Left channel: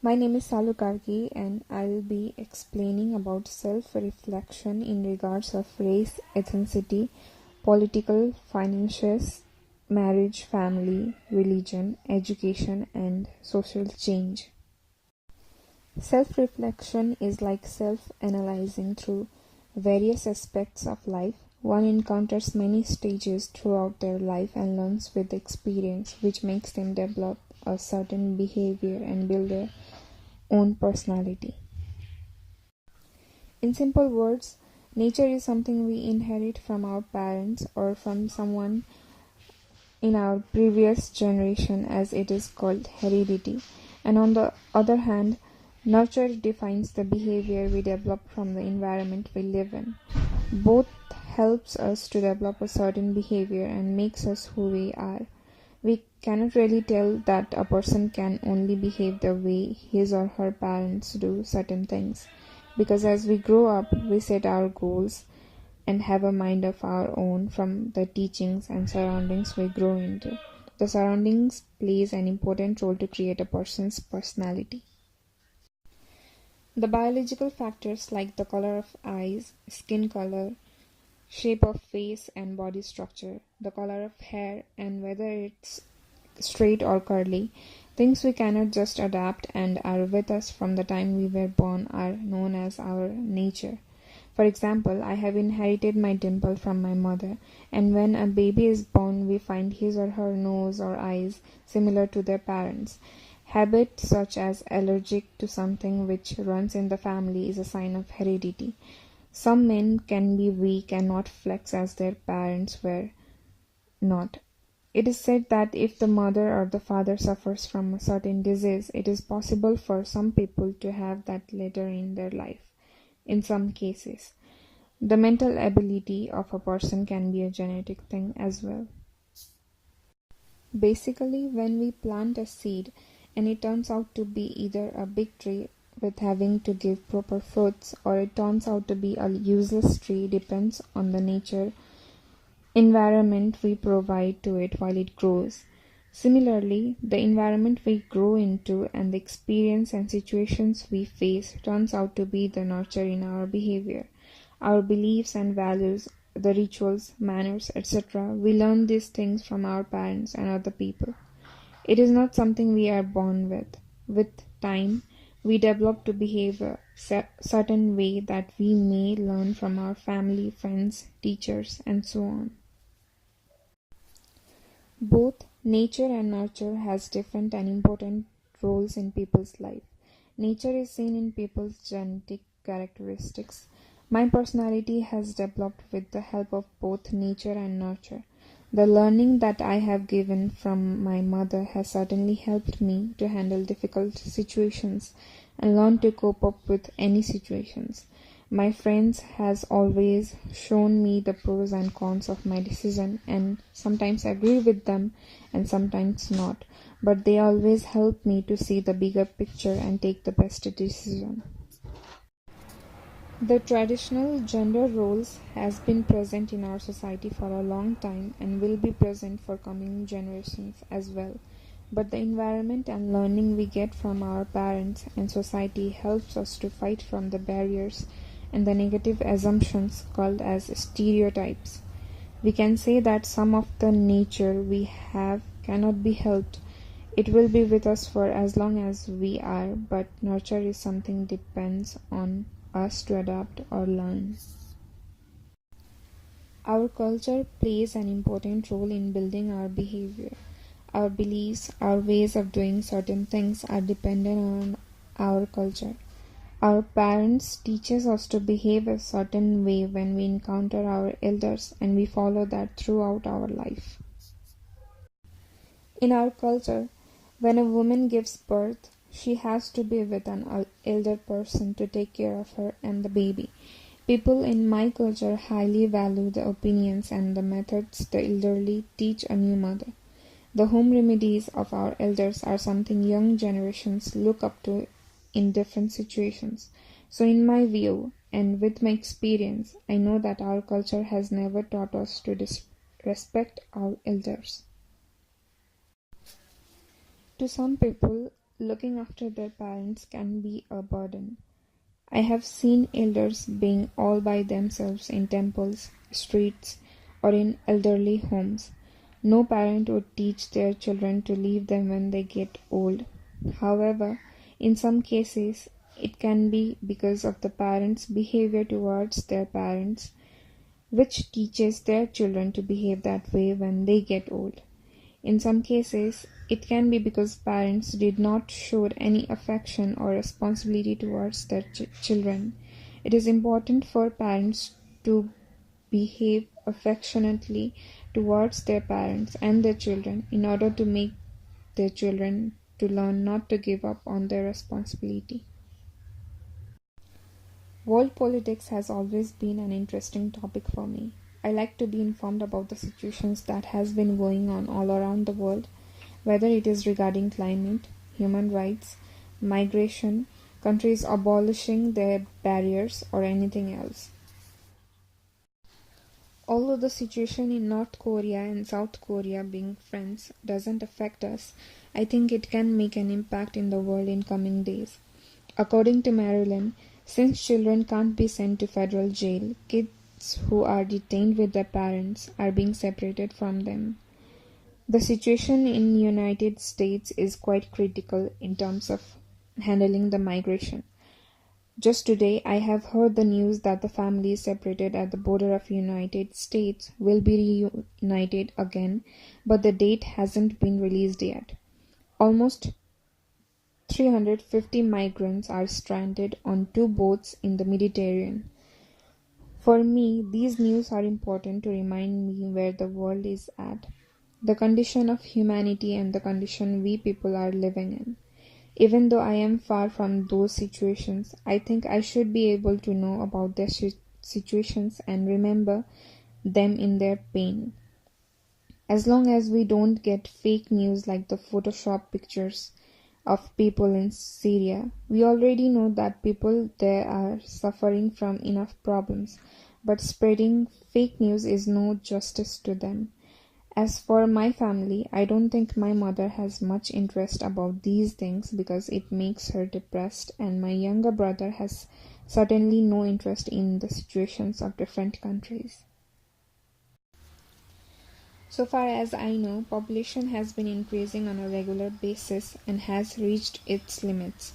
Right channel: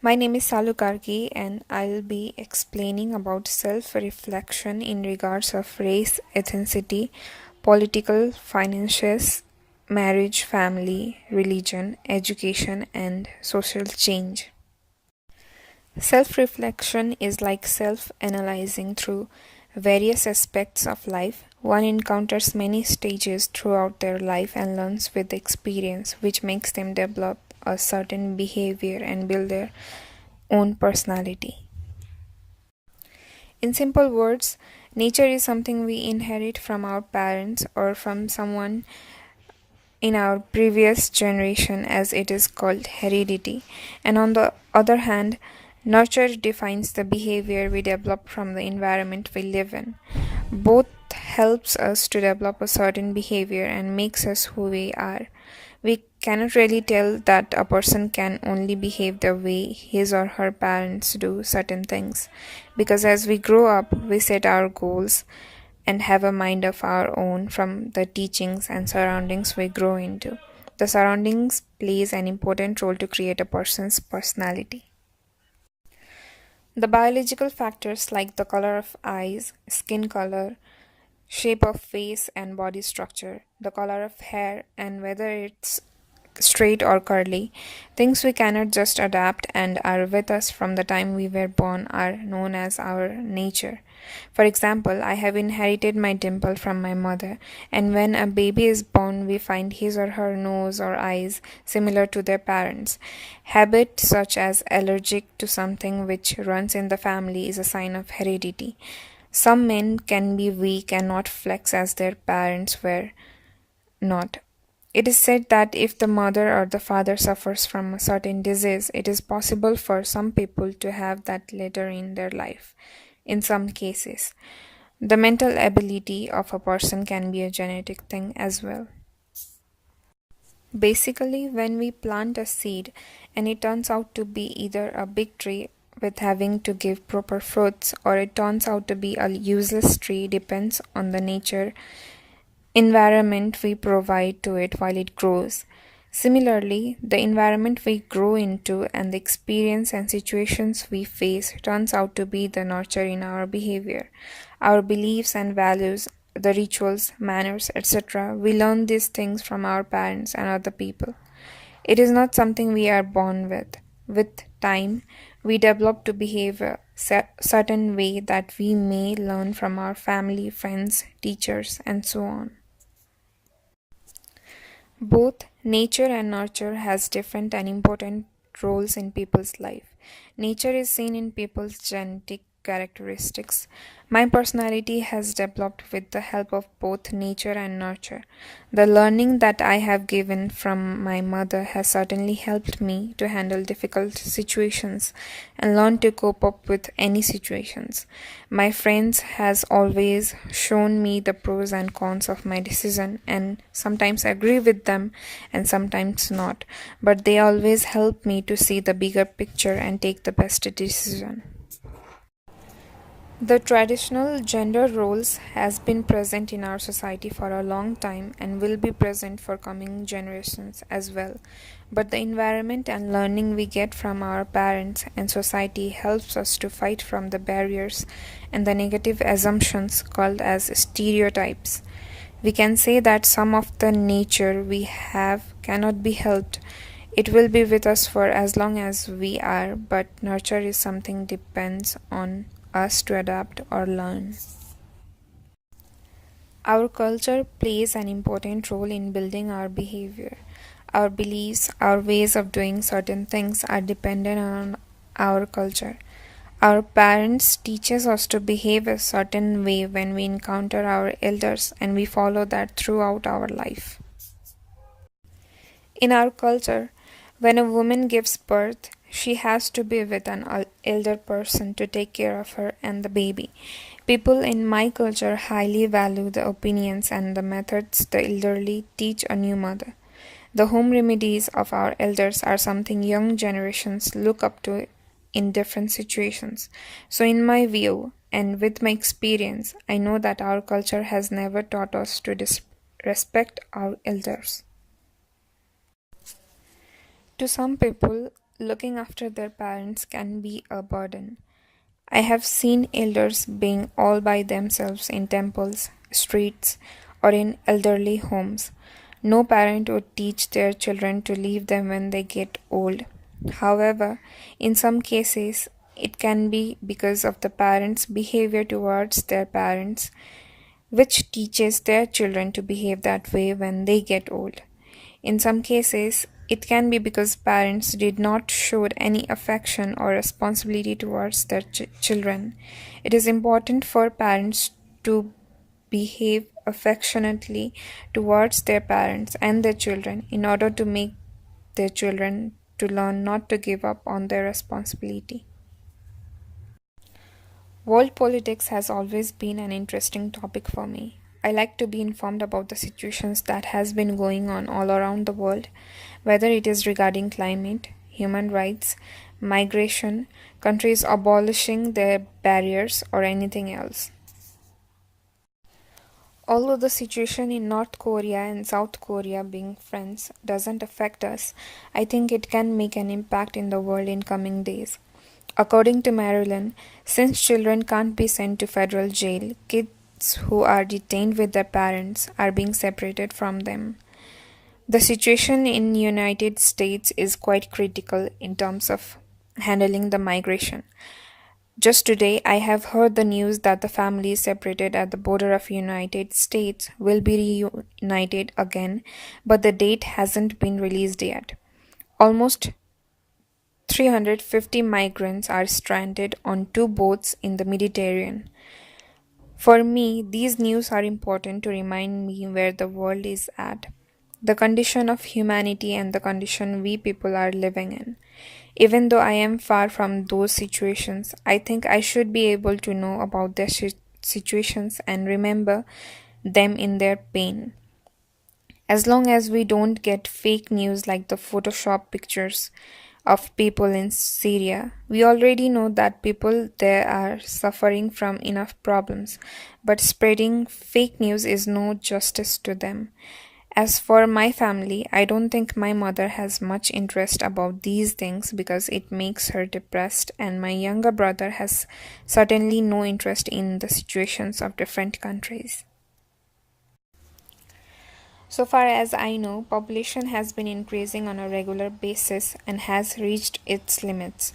My name is Salu Karki and I'll be explaining about self-reflection in regards of race, ethnicity, political, finances, marriage, family, religion, education and social change. Self-reflection is like self-analyzing through various aspects of life. One encounters many stages throughout their life and learns with experience, which makes them develop a certain behavior and build their own personality. In simple words, nature is something we inherit from our parents or from someone in our previous generation, as it is called heredity. And on the other hand, nurture defines the behavior we develop from the environment we live in. Both helps us to develop a certain behavior and makes us who we are. We cannot really tell that a person can only behave the way his or her parents do certain things, because as we grow up, we set our goals and have a mind of our own from the teachings and surroundings we grow into. The surroundings plays an important role to create a person's personality. The biological factors like the color of eyes, skin color, shape of face and body structure, the color of hair, and whether it's straight or curly, things we cannot just adapt and are with us from the time we were born, are known as our nature. For example, I have inherited my dimple from my mother, and when a baby is born, we find his or her nose or eyes similar to their parents. Habit such as allergic to something which runs in the family is a sign of heredity. Some men can be weak and not flex as their parents were not. It is said that if the mother or the father suffers from a certain disease, it is possible for some people to have that later in their life. In some cases, the mental ability of a person can be a genetic thing as well. Basically, when we plant a seed and it turns out to be either a big tree with having to give proper fruits, or it turns out to be a useless tree, depends on the nature environment we provide to it while it grows. Similarly, the environment we grow into and the experience and situations we face turns out to be the nurture in our behavior, our beliefs and values, the rituals, manners, etc. We learn these things from our parents and other people. It is not something we are born with. With time, we develop to behave a certain way that we may learn from our family, friends, teachers, and so on. Both nature and nurture has different and important roles in people's life. Nature is seen in people's genetic characteristics. My personality has developed with the help of both nature and nurture. The learning that I have given from my mother has certainly helped me to handle difficult situations and learn to cope up with any situations. My friends has always shown me the pros and cons of my decision, and sometimes agree with them and sometimes not, but they always help me to see the bigger picture and take the best decision. The traditional gender roles has been present in our society for a long time and will be present for coming generations as well. But the environment and learning we get from our parents and society helps us to fight from the barriers and the negative assumptions called as stereotypes. We can say that some of the nature we have cannot be helped. It will be with us for as long as we are, but nurture is something depends on us to adapt or learn. Our culture plays an important role in building our behavior. Our beliefs, our ways of doing certain things are dependent on our culture. Our parents teaches us to behave a certain way when we encounter our elders, and we follow that throughout our life. In our culture, when a woman gives birth, she has to be with an elder person to take care of her and the baby. People in my culture highly value the opinions and the methods the elderly teach a new mother. The home remedies of our elders are something young generations look up to in different situations. So, in my view and with my experience, I know that our culture has never taught us to respect our elders. To some people, looking after their parents can be a burden. I have seen elders being all by themselves in temples, streets, or in elderly homes. No parent would teach their children to leave them when they get old. However, in some cases, it can be because of the parents' behavior towards their parents, which teaches their children to behave that way when they get old. In some cases, it can be because parents did not show any affection or responsibility towards their children. It is important for parents to behave affectionately towards their parents and their children in order to make their children to learn not to give up on their responsibility. World politics has always been an interesting topic for me. I like to be informed about the situations that has been going on all around the world, whether it is regarding climate, human rights, migration, countries abolishing their barriers or anything else. Although the situation in North Korea and South Korea being friends doesn't affect us, I think it can make an impact in the world in coming days. According to Maryland, since children can't be sent to federal jail, kids who are detained with their parents are being separated from them. The situation in United States is quite critical in terms of handling the migration. Just today, I have heard the news that the families separated at the border of United States will be reunited again, but the date hasn't been released yet. Almost 350 migrants are stranded on two boats in the Mediterranean. For me, these news are important to remind me where the world is at, the condition of humanity and the condition we people are living in. Even though I am far from those situations, I think I should be able to know about their situations and remember them in their pain. As long as we don't get fake news like the Photoshop pictures of people in Syria, we already know that people there are suffering from enough problems, but spreading fake news is no justice to them. As for my family, I don't think my mother has much interest about these things because it makes her depressed, and my younger brother has certainly no interest in the situations of different countries. So far as I know, population has been increasing on a regular basis and has reached its limits.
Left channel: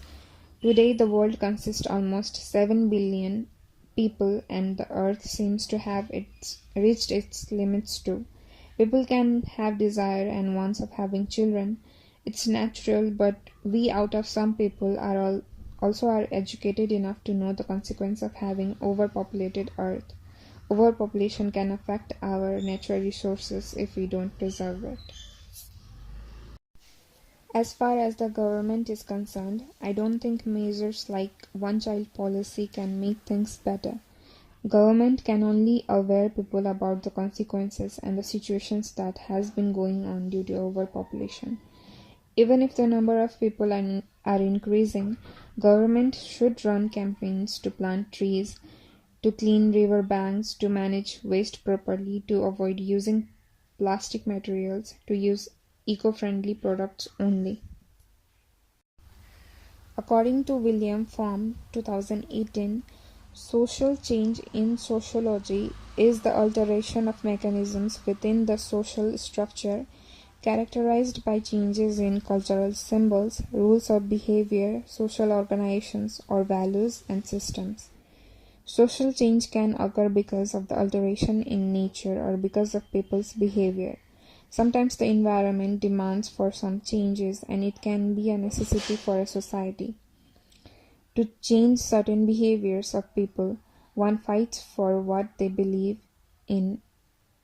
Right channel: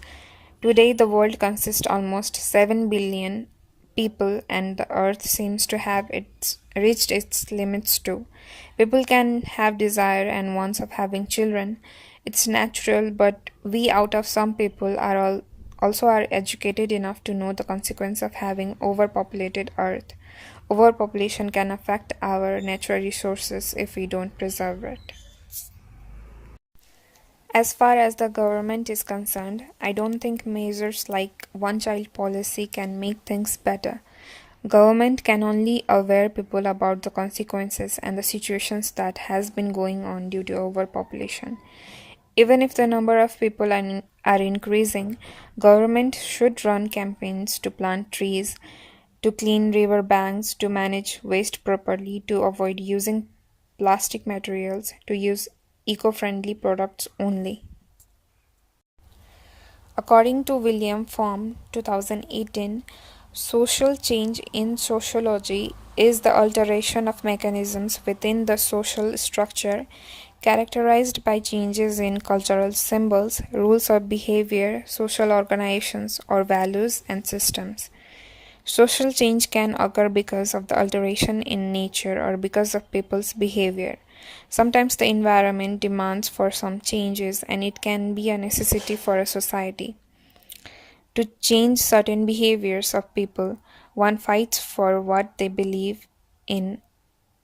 Today, the world consists almost 7 billion people, and the earth seems to have reached its limits too. People can have desire and wants of having children. It's natural, but we out of some people are also are educated enough to know the consequence of having overpopulated earth. Overpopulation can affect our natural resources if we don't preserve it. As far as the government is concerned, I don't think measures like one child policy can make things better. Government can only aware people about the consequences and the situations that has been going on due to overpopulation. Even if the number of people are increasing, government should run campaigns to plant trees, to clean river banks, to manage waste properly, to avoid using plastic materials, to use eco-friendly products only. According to William Form 2018, social change in sociology is the alteration of mechanisms within the social structure characterized by changes in cultural symbols, rules of behavior, social organizations, or values and systems. Social change can occur because of the alteration in nature or because of people's behavior. Sometimes the environment demands for some changes and it can be a necessity for a society. To change certain behaviors of people, one fights for what they believe in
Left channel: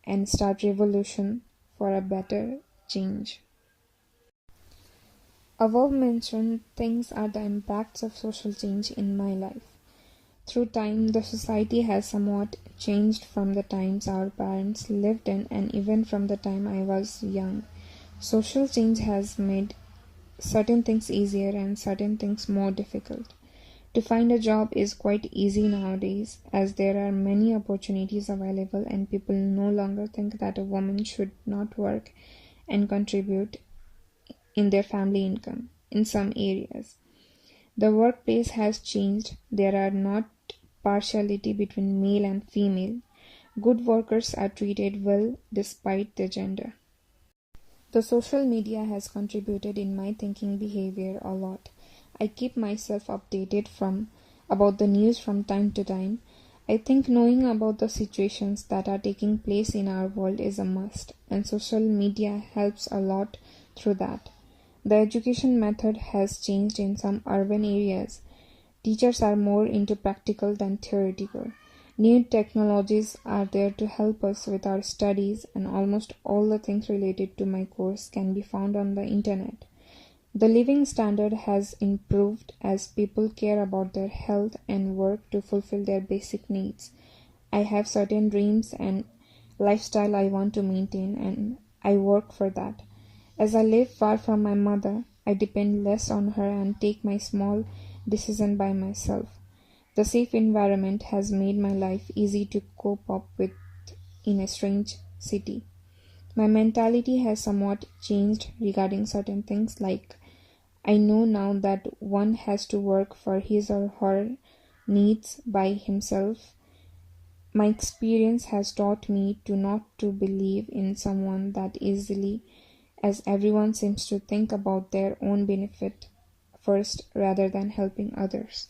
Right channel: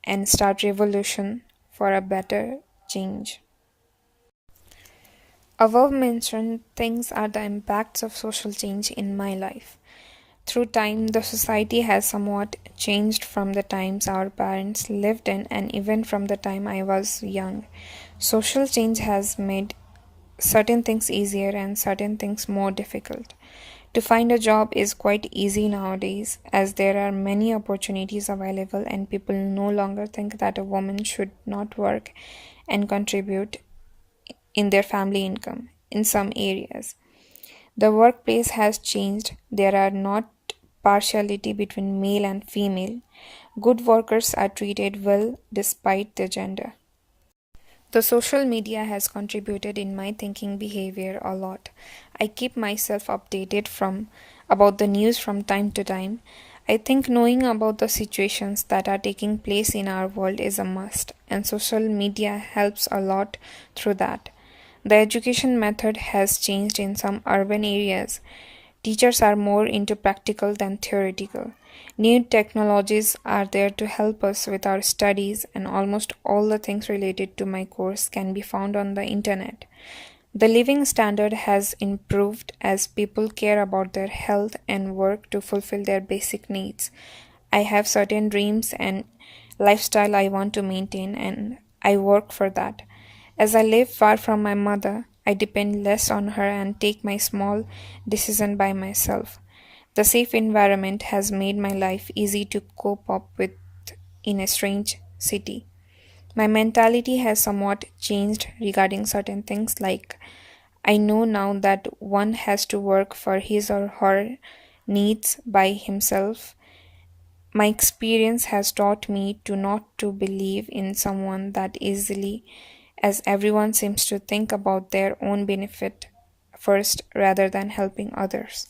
and start revolution for a better change. Above mentioned things are the impacts of social change in my life. Through time, the society has somewhat changed from the times our parents lived in and even from the time I was young. Social change has made certain things easier and certain things more difficult. To find a job is quite easy nowadays as there are many opportunities available and people no longer think that a woman should not work and contribute in their family income. in some areas. The workplace has changed. There are not partiality between male and female. Good workers are treated well despite their gender. The social media has contributed in my thinking behavior a lot. I keep myself updated from about the news from time to time. I think knowing about the situations that are taking place in our world is a must, and social media helps a lot through that. The education method has changed in some urban areas. Teachers are more into practical than theoretical. New technologies are there to help us with our studies, and almost all the things related to my course can be found on the internet. The living standard has improved as people care about their health and work to fulfill their basic needs. I have certain dreams and lifestyle I want to maintain, and I work for that. As I live far from my mother, I depend less on her and take my small decision by myself. The safe environment has made my life easy to cope up with in a strange city. My mentality has somewhat changed regarding certain things, like I know now that one has to work for his or her needs by himself. My experience has taught me to not to believe in someone that easily, as everyone seems to think about their own benefit first rather than helping others.